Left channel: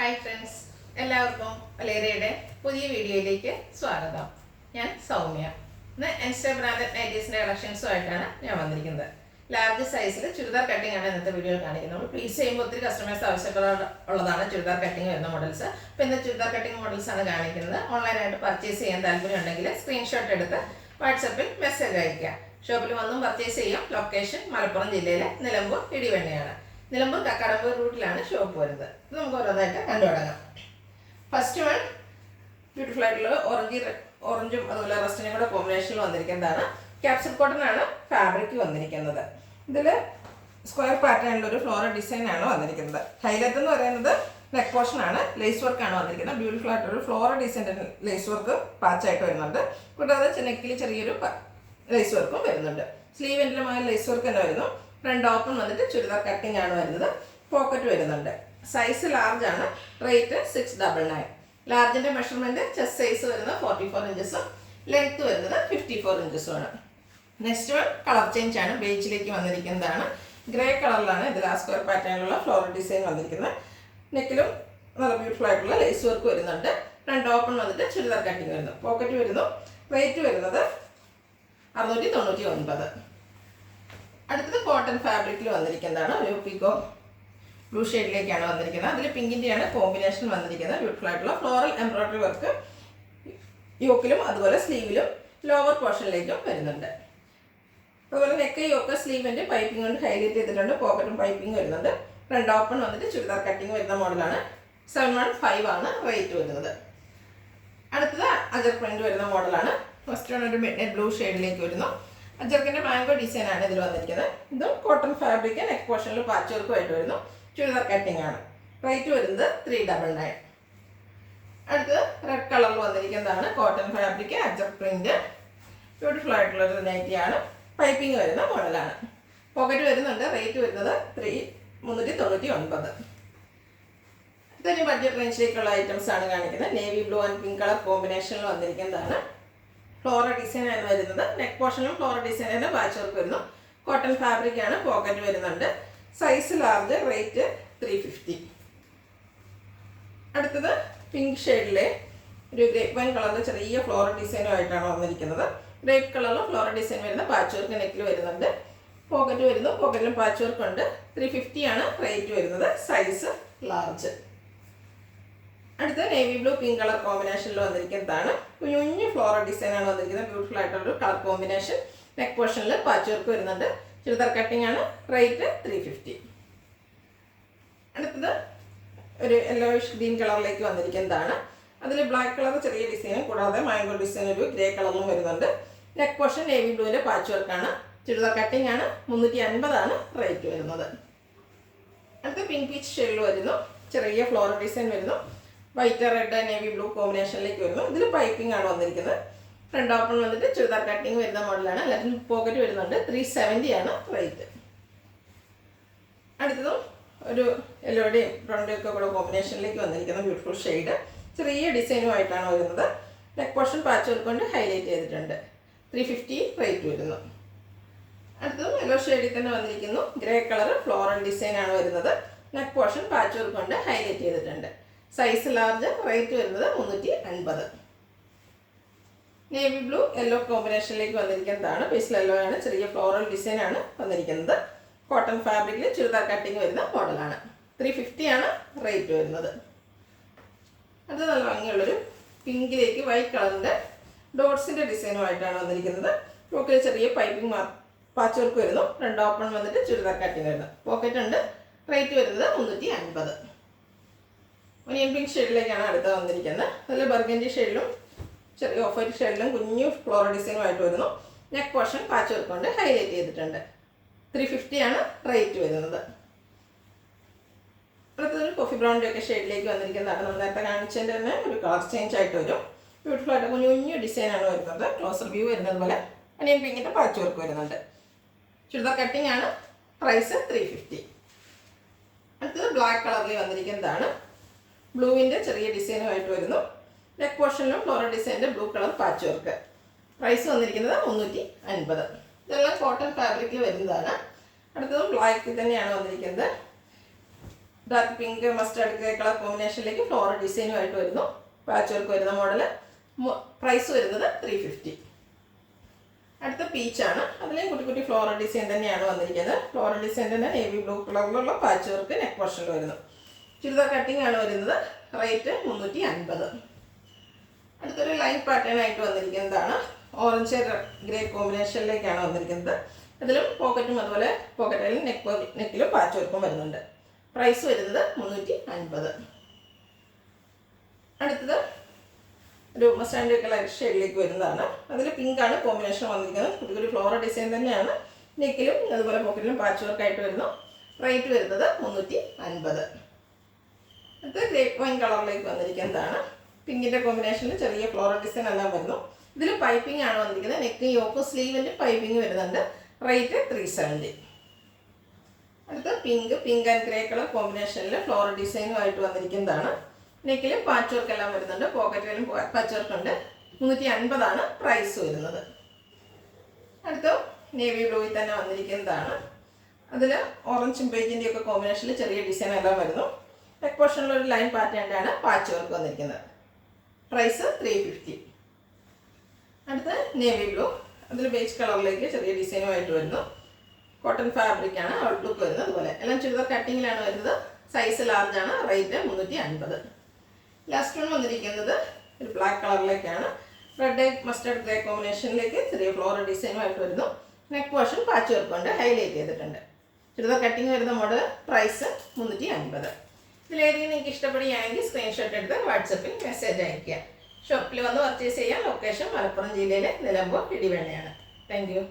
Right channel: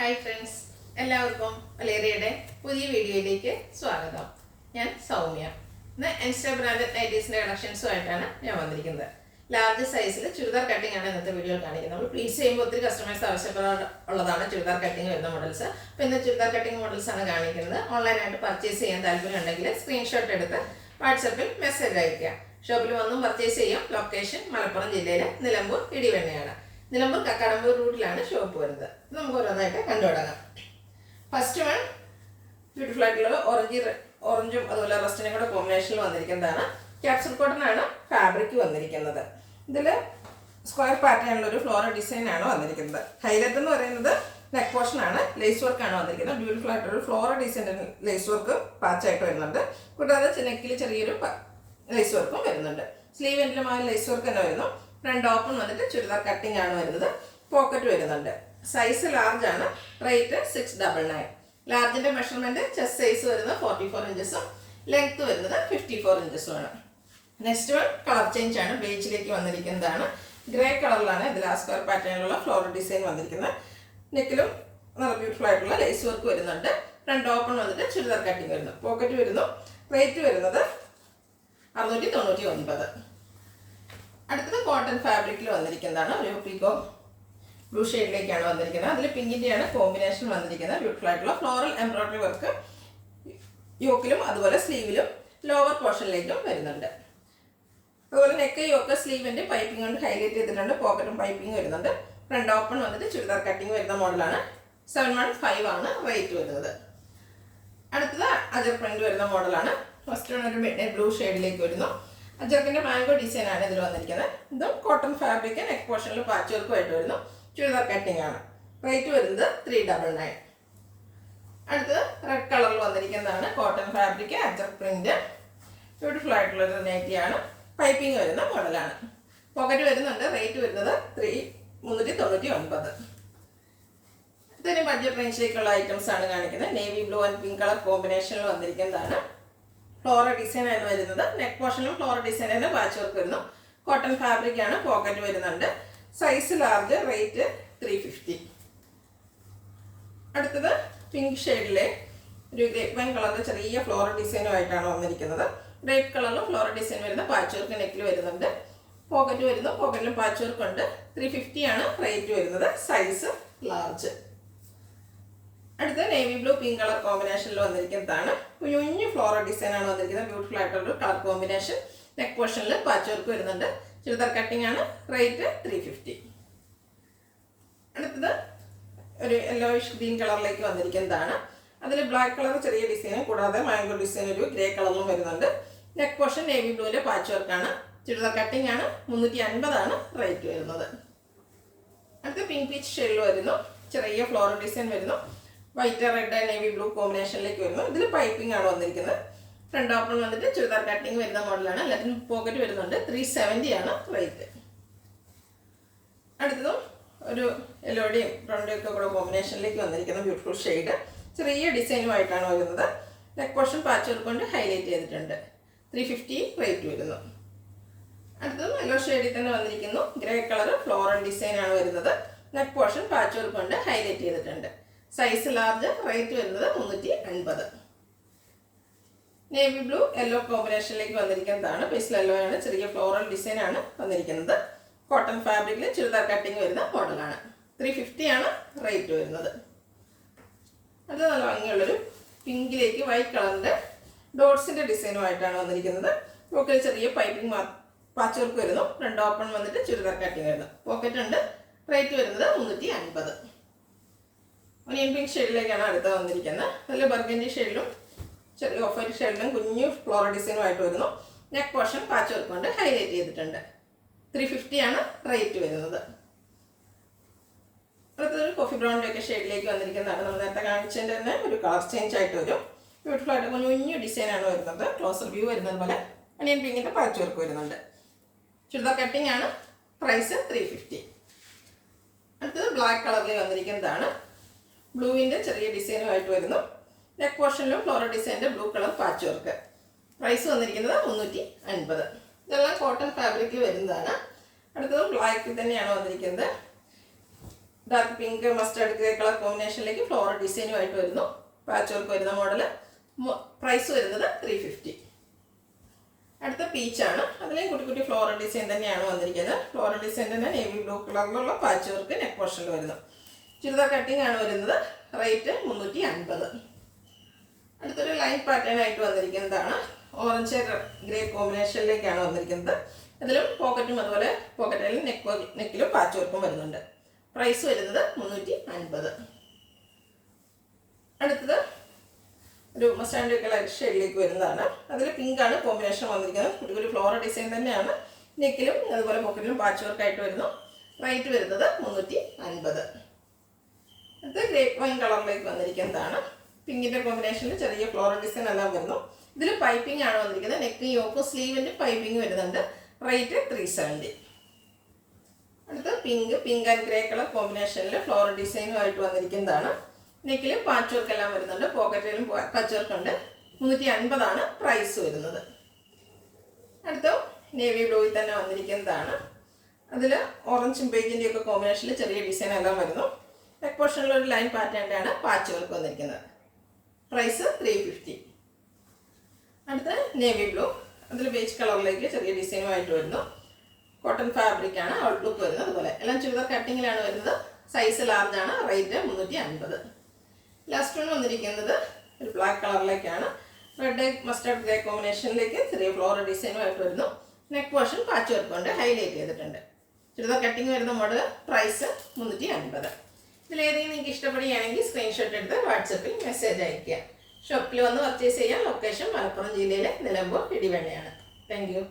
Hi friends, എല്ലാവർക്കും വലേറിയയുടെ പുതിയ വീഡിയോയിലേക്ക് സ്വാഗതം. ഞാൻ സൗമ്യ. ഇന്ന് ഇൻസ്റ്റാ ബ്രാൻഡഡ് നൈറ്റീസിൻ്റെ കളക്ഷൻസുമായിട്ടാണ് ഞാൻ വന്നിരിക്കുന്നത്. ലാർജ് സൈസിൽ ചുരിദാർ കട്ടിംഗ് ആണ് ഇന്നത്തെ വീഡിയോയിൽ കാണിക്കുന്നത്. നമ്മൾ പ്ലീസ് ചെയ്യുമ്പോൾ ഒത്തിരി കസ്റ്റമേഴ്സ് ആവശ്യമുള്ളതാണ് ചുരിദാർ കട്ടിംഗ് വരുന്ന മോഡൽസ്. അപ്പോൾ ഇന്ന് ചുരിദാർ കട്ടിംഗ് മോഡൽസ് ആണ് കാണിക്കുന്നത്. ഓൺലൈനായിട്ട് പർച്ചേസ് ചെയ്യാൻ താല്പര്യം ഉണ്ടെങ്കിൽ സ്ക്രീൻഷോട്ട് എടുത്ത് വാട്സപ്പിൽ മെസ്സേജ് അയയ്ക്കുക. ഷോപ്പിൽ വന്നും പർച്ചേസ് ചെയ്യാം. ലൊക്കേഷൻ മലപ്പുറം ജില്ലയിലെ നിലമ്പൂർ ഇടിവണ്ണയാണ്. നിലമ്പൂർ കക്കാടമ്പൂർ റൂട്ടിലാണ് ഷോപ്പ് വരുന്നത്. ഇത് നമുക്ക് ഓരോന്നായിട്ട് കണ്ടു തുടങ്ങാം. ഫസ്റ്റ് വൺ ബ്യൂട്ടിഫുൾ ആയിട്ടുള്ള ഓറഞ്ചും അതുപോലെ റസ്റ്റിനും കൂടെ കോമ്പിനേഷനിൽ വന്നിരിക്കുന്നതാണ്. ക്യാപ്സൂൾ കോട്ടൺ ആണ് ഫാബ്രിക് വന്നിരിക്കുന്നത്. ഇതിൽ സ്ക്വയർ പാറ്റേണിലൊരു ഫ്ലോറൽ ഡിസൈൻ ആണ് വന്നിരിക്കുന്നത്. ഹൈലൈറ്റ് എന്ന് പറയുന്നത് നെക്ക് പോർഷൻ ആണ്. ലേസ് വർക്ക് ആണ് വന്നിരിക്കുന്നത്. ബ്യൂട്ടിഫുൾ ആയിട്ടൊരു ഫ്ലോറൽ ഡിസൈൻ്റെ ലേസ് വർക്ക് പാച്ചായിട്ട് വരുന്നുണ്ട്. കൂടാതെ നെക്കിൽ ചെറിയൊരു ലേസ് വർക്കും വരുന്നുണ്ട്. സ്ലീവ് എൻഡിലും ആ ലേസ് വർക്ക് തന്നെ വരുന്നു. ഫ്രണ്ട് ഓപ്പൺ വന്നിട്ട് ചുരിദാർ കട്ടിംഗ് ആണ് വരുന്നത്. പോക്കറ്റ് വരുന്നുണ്ട്. സൈസ് ലാർജ് ആണ്. റേറ്റ് 699. ലാർജിൻ്റെ മെഷർമെൻറ്റ് ചെസ്റ്റ് സൈസ് വരുന്നത് 44 ഇഞ്ചസും ലെങ്ത് വരുന്നത് 54 ഇഞ്ചസും ആണ്. നെക്സ്റ്റ് വൺ കളർ ചേഞ്ച് ആണ്. ബേജിലേക്ക് വന്നിരിക്കുന്നതാണ്. ഗ്രേ കളറിലാണ് ഇതിൽ ആ സ്ക്വയർ പാറ്റേണിലുള്ള ഫ്ലോറൽ ഡിസൈൻ വന്നിരിക്കുന്നത്. നെക്കിലും നല്ല ബ്യൂട്ടിഫുൾ ആയിട്ടുള്ള ലേസ് വർക്ക് വരുന്നുണ്ട്. ഫ്രണ്ട് ഓപ്പൺ വന്നിട്ട് ചുരിദാർ കട്ടിംഗ് വരുന്നു. പോക്കറ്റ് വരുന്നു. റേറ്റ് വരുന്നത് 699. അടുത്തത് കോട്ടൺ ഫാബ്രിക്കിൽ വന്നിരിക്കുന്നതാണ്. ഒരു പിക്കോ ബ്ലൂ ഷെയ്ഡിലേക്കാണ് വന്നിരിക്കുന്നത്. അതിൽ പിങ്കിൻ്റെയാണ് കോമ്പിനേഷൻ വന്നിരിക്കുന്നത്. ബ്യൂട്ടിഫുൾ ആയിട്ടുള്ള ഫ്ലോറൽ എംബ്രോയ്ഡറി വർക്ക് യോക്കിലും അതുപോലെ സ്ലീവിലും ലോവർ പോർഷനിലേക്കും വരുന്നുണ്ട്. അതുപോലെ നെക്ക് യോക്ക് സ്ലീവിൻ്റെ പൈപ്പിംഗ് കൊണ്ട് ഹൈലൈറ്റ് ചെയ്തിട്ടുണ്ട്. പോക്കറ്റും പൈപ്പിംഗ് വരുന്നുണ്ട്. ഫ്രണ്ട് ഓപ്പൺ വന്നിട്ട് ചുരിദാർ കട്ടിങ് വരുന്ന മോഡലാണ്. 715 ആണ് റേറ്റ് വരുന്നത്. അടുത്തത് അജർ പ്രിന്റ് വരുന്ന മോഡലാണ്. ഫസ്റ്റ് വൺ ഒരു മിഡ് ബ്ലൂ ഷെയ്ഡിലേക്ക് വരുന്നു. അജർക്കിൻ്റെ മാംഗോ ഡിസൈൻ ആണ് ഇതിൽ വന്നിരിക്കുന്നത്. ഇതും കോട്ടൺ ഫാബ്രിക് നെക്ക് പോർഷനിൽ പാച്ച് വർക്കുമായിട്ട് വരുന്നു. ചുരിദാർ കട്ടിംഗ് ആണ്. റേറ്റ് വരുന്നത് 399. അടുത്തത് റെഡ് കളറിൽ വന്നിരിക്കുന്നതാണ്. കോട്ടൺ ഫാബ്രിക് അജർ പ്രിന്റ് ബ്യൂട്ടിഫുൾ ആയിട്ടുള്ളൊരു നൈറ്റിയാണ്. പൈപ്പിംഗ് വരുന്ന മോഡലാണ്. പോക്കറ്റ് വരുന്നുണ്ട്. റേറ്റ് വരുന്നത് 399. ഇതിന് ബഡ്ജറ്റ് റേഞ്ചിലേക്കുള്ള ഐറ്റംസ് ആണ് കാണിക്കുന്നത്. Navy blue and pink colour കോമ്പിനേഷനിൽ വന്നിരിക്കുന്നതാണ്. ഫ്ലോറൽ ഡിസൈൻ ആണ് വരുന്നത്. നെക്ക് പോർഷനും ഫ്ലോറൽ ഡിസൈൻ തന്നെ പാച്ച് വർക്ക് വരുന്നു. കോട്ടൺ ഫാബ്രിക് ആണ്. പോക്കറ്റ് വരുന്നുണ്ട്. Size large. റേറ്റ് 350. അടുത്തത് പിങ്ക് ഷെയ്ഡിലെ ഒരു ഗ്രേപ്പ് വൈൻ കളറിൽ ചെറിയ ഫ്ലോറൽ ഡിസൈനുമായിട്ടാണ് വന്നിരിക്കുന്നത്. ഗ്രേപ്പ് കളറിൽ ഫ്ലോറൽ ഡിസൈൻ വരുന്ന പാച്ച് വർക്ക് നെക്കിൽ വരുന്നുണ്ട്. പോക്കറ്റ് വരുന്നു. പോക്കറ്റിലും പാച്ച് വർക്ക് ഉണ്ട്. 350 ആണ് റേറ്റ് വരുന്നത്. Size large. അടുത്ത നേവി ബ്ലൂ പിങ്ക് കളർ കോമ്പിനേഷനിൽ വന്നിരിക്കുന്നതാണ്. കുഞ്ഞു ഫ്ലോറൽ ഡിസൈൻ ആണ് വന്നിരിക്കുന്നത്. ബ്യൂട്ടിഫുൾ ആയിട്ടുള്ള കളർ കോമ്പിനേഷൻ. നെക്ക് പോർഷനിൽ പാച്ച് വർക്ക് വരുന്നുണ്ട്. ചുരിദാർ കട്ടിംഗ് ആണ്. റേറ്റ് 350. അടുത്തത് ഒരു യെല്ലോയിഷ് ഗ്രീൻ കളറിലേക്ക് വന്നിരിക്കുന്നതാണ്. അതിൽ ബ്ലാക്ക് കളർ ചെറിയ ഡിസൈനും കൂടാതെ മാംഗോ ഡിസൈൻ ഒരു ഗ്രേ കളറിലും വരുന്നുണ്ട്. നെക്ക് പോർഷൻ നേവി ബ്ലൂവിൻ്റെ പാച്ച് വർക്കാണ്. ചുരിദാർ കട്ടിംഗ് ആണ്. 350 ആണ് റേറ്റ് വരുന്നത്. അടുത്ത പിങ്ക് പീച്ച് ഷെയ്ഡിൽ വരുന്നു. ചെറിയ ഫ്ലോറൽ ഡിസൈൻ വരുന്നു. വൈറ്റ് റെഡ് നേവി ബ്ലൂ കോമ്പിനേഷനിലേക്ക് വരുന്നു. ഇതിൽ പൈപ്പിംഗ് ആണ് വന്നിരിക്കുന്നത്. ഫ്രണ്ട് ഓപ്പൺ വന്നിട്ട് ചുരിദാർ കട്ടിങ് വരുന്ന മോഡലാണ്. എല്ലാത്തിനും പോക്കറ്റ് വരുന്നുണ്ട്. 370 ആണ് റേറ്റ്. അടുത്തതും ഒരു യെല്ലോയുടെയും ബ്രൗണിൻ്റെയും ഒക്കെ കൂടെ കോമ്പിനേഷനിലേക്ക് വന്നിരിക്കുന്ന ബ്യൂട്ടിഫുൾ ഷെയ്ഡ്. ചെറിയ ഡിസൈനുമായിട്ടാണ് വരുന്നത്. നെക്ക് പോർഷൻ പാച്ച് വർക്ക് കൊണ്ട് ഹൈലൈറ്റ് ചെയ്തിട്ടുണ്ട്. 350 റേറ്റ് വരുന്നു. അടുത്തതും യെല്ലോ ഷെയ്ഡിൽ തന്നെ വന്നിരിക്കുന്നു. ഗ്രേ കളർ ഫ്ലോറൽ ഡിസൈൻ ആണ് വരുന്നത്. നെക്ക് പോർഷൻ പാച്ച് വർക്ക് കൊണ്ട് ഹൈലൈറ്റ് ചെയ്തിട്ടുണ്ട്. Size large. റേറ്റ് വരുന്നത് 350. നേവി ബ്ലൂ യെല്ലോ കോമ്പിനേഷനിലേക്ക് വന്നിരിക്കുന്നതാണ്. പേസ്റ്റൽ യെല്ലോ ആണ്. ചെറിയ ഫ്ലോറൽ ഡിസൈൻ ആണ് വന്നിരിക്കുന്നത്. കോട്ടൺ ഫാബ്രിക്കിൽ ചുരിദാർ കട്ടിങ് വരുന്ന മോഡലാണ്. 350 ആണ് റേറ്റ് വരുന്നത്. അത് നല്ല ഭംഗിയുള്ളൊരു പിങ്കിലേക്ക് വൈറ്റ് കളറിൻ്റെ ഡോട്ട്സിൻ്റെ ഡിസൈനുമായിട്ടാണ് വന്നിരിക്കുന്നത്. പോക്കറ്റിൽ ചെറിയ പൈപ്പിംഗ് പാച്ച് വർക്ക് വരുന്നു. ഫ്രണ്ട് ഓപ്പൺ വന്നിട്ട് ചുരിദാർ കട്ടിങ് വരുന്നു. പോക്കറ്റ് ഉണ്ട്. റേറ്റ് വരുന്നത് 350. ഒനിയൻ പിങ്ക് ഷെയ്ഡിലേക്കാണ് അടുത്ത വന്നിരിക്കുന്നത്. അതിൽ ബർഗൻഡി ഷെയ്ഡിലും ചെറിയ ഓഫ് വൈറ്റ് ഷെയ്ഡിലും കുഞ്ഞു ഫ്ലോറൽ ഡിസൈനുമായിട്ട് വരുന്നു. നെക്ക് പോർഷൻ പാച്ച് വർക്ക് കൊണ്ട് ഹൈലൈറ്റ് ചെയ്തിട്ടുണ്ട്. 350 ആണ് റേറ്റ് വരുന്നത്. അടുത്തൊരു കോഫി ബ്രൗണിൻ്റെ ഒക്കെ ഷെയ്ഡിലേക്ക് വന്നിരിക്കുന്നതാണ്. നമ്മൾ നേരത്തെ കാണിച്ചതിൻ്റെ തന്നെ ഒരു കളർ ചേഞ്ച് ആയിട്ട് വരും. ബ്യൂട്ടിഫുൾ ആയിട്ട് കുഞ്ഞു ഡിസൈനാണ് വരുന്നത്. ക്ലോസർ വ്യൂ വരുന്നത് പോലെ ഒനിയൻ പിങ്കിൻ്റെ പാച്ച് വർക്ക് വരുന്നുണ്ട്. ചുരിദാർ കട്ടിംഗ് ആണ്. പ്രൈസ് 350. അടുത്തത് ബ്ലാക്ക് കളറിൽ വന്നിരിക്കുന്നതാണ്. ബ്ലൂവിൻ്റെ ചെറിയ ഡിസൈനുമായിട്ട് വരുന്നു. നെക്ക് പോർഷനിലും ഫ്ലോറൽ ഡിസൈനിൻ്റെ blue colour patch work. Price വന്നിരിക്കുന്നത് 350. ഇതെല്ലാം കോട്ടൺ ഫാബ്രിക്കിൽ വരുന്നതാണ്. അടുത്തത് ബ്ലാക്കിൽ തന്നെയാണ് വന്നിരിക്കുന്നത്. Dark pink mustard grey colour കോമ്പിനേഷനിലേക്ക് ഫ്ലോറൽ ഡിസൈനുമായിട്ട് വരുന്നു. പാച്ച് വർക്ക് വരുന്ന മോഡൽ. പ്രൈസ് വരുന്നത് 350. അടുത്ത പീച്ചാണ്. അതിലേയും കുട്ടി കുട്ടി ഫ്ലോറൽ ഡിസൈൻ തന്നെയാണ് വന്നിരിക്കുന്നത്. ഫ്ലോറൽ ഡിസൈൻ തന്നെ നേവി ബ്ലൂ കളറിലുള്ള പാച്ച് വർക്ക് നെക്ക് പോർഷനിൽ വരുന്നു. ചുരിദാർ കട്ടിംഗ് ആണ് വരുന്നത്. റേറ്റ് 350. അടുത്തൊരു ലൈൻ പാറ്റേൺ ആയിട്ട് വന്നിരിക്കുന്നതാണ്. ഓറഞ്ച് ഗ്രേ കോമ്പിനേഷനിലേക്കാണ് വന്നിരിക്കുന്നത്. ഇതിലും പോക്കറ്റും അതുപോലെ പോക്കറ്റിലും നെക്കിലും പാച്ച് വർക്കും വരുന്നുണ്ട്. പ്രൈസ് വരുന്നത് 350. അടുത്തത് ഒരു മസ്റ്റാൻഡ് കളർ ഷെയ്ഡിലേക്ക് വരുന്നതാണ്. അതിൽ പിങ്കാണ് കോമ്പിനേഷൻ വന്നിരിക്കുന്നത്. ഒരു ഫ്ലോറൽ ഡിസൈൻ തന്നെയാണ്. നെക്കിലും അതുപോലെ പോക്കറ്റിലും പാച്ച് വർക്കായിട്ട് വരുന്നു. റേറ്റ് വരുന്നത് 350. അടുത്ത ഗ്രേപ്പ് വൈൻ കളറിലേക്ക് വന്നിരിക്കുന്നതാണ്. പിങ്കിൻ്റെ കോമ്പിനേഷനിൽ ചെറിയ ഫ്ലോറൽ ഡിസൈൻ എല്ലാം വരുന്നു. ഇതിൽ പൈപ്പിംഗ് ആണ് വന്നിരിക്കുന്നത്. നെക്ക് യോക്ക് സ്ലീവിൻ്റെ പൈപ്പിംഗ് വരുന്നുണ്ട്. റേറ്റ് 370. അടുത്ത പിങ്ക് ആൻഡ് ഗ്രേ കളർ കോമ്പിനേഷനിൽ ഫ്ലോറൽ ഡിസൈനുമായിട്ട് വന്നിരിക്കുന്നതാണ്. നെക്കിൽ പാച്ച് വർക്ക് എല്ലാം വരുന്നുണ്ട്. പോക്കറ്റിലും പാച്ച് വർക്ക് ഉണ്ട്. 350 പ്രൈസ് വരുന്നത്. അടുത്ത നേവി ബ്ലൂയിൽ തന്നെ വന്നിരിക്കുന്നതാണ്. അതിൽ ഓറഞ്ചും ബേജിൻ്റെ ഒക്കെ കോമ്പിനേഷനിൽ ചെറിയ ഡിസൈൻ എല്ലാം വരുന്നു. നെക്ക് പോർഷനിൽ ഒരു ലൈൻ പാറ്റേണിലാണ് പാച്ച് വർക്ക് വന്നിരിക്കുന്നത്. പ്രൈസ് 350. അടുത്ത നേവി ബ്ലൂ. അതിൽ ബേജ് കളറിലേക്ക് ചെറിയ ഡിസൈനുമായിട്ട് വരുന്നു. കോട്ടൺ ഫാബ്രിക്കാണ് ഔട്ട്ലുക്ക് വരുന്നത്. അതുപോലെ എല്ലാം ചുരിദാർ കട്ടിങ്ങിലാണ് വരുന്നത്. സൈസ് ലാർജ് ആണ്. റേറ്റ് 350. ലാസ്റ്റ് വൺ വന്നിരിക്കുന്നത് ഒരു ബ്ലാക്ക് കളറിലേക്കാണ്. റെഡ് മസ്റ്റർഡ് ഗ്രേ കോമ്പിനേഷനിലേക്ക് ചെറിയ ഫ്ലോറൽ ഡിസൈനുമായിട്ട് വരുന്നു. നെക്ക് പോർഷൻ പാച്ച് വർക്ക് കൊണ്ട് ഹൈലൈറ്റ് ചെയ്തിട്ടുണ്ട്. ചുരിദാർ കട്ടിങ് വരുന്ന മോഡൽ. പ്രൈസ് 350. ഇതിലേതെങ്കിലും നിങ്ങൾക്ക് ഇഷ്ടപ്പെടുകയാണെങ്കിൽ സ്ക്രീൻഷോട്ട് എടുത്ത് വാട്സപ്പിൽ മെസ്സേജ് അയയ്ക്കുക. ഷോപ്പിൽ വന്ന് പർച്ചേസ് ചെയ്യാൻ. ലൊക്കേഷൻ മലപ്പുറം ജില്ലയിലെ നിലമ്പൂർ ഇടിവണ്ണയാണ്. Thank you.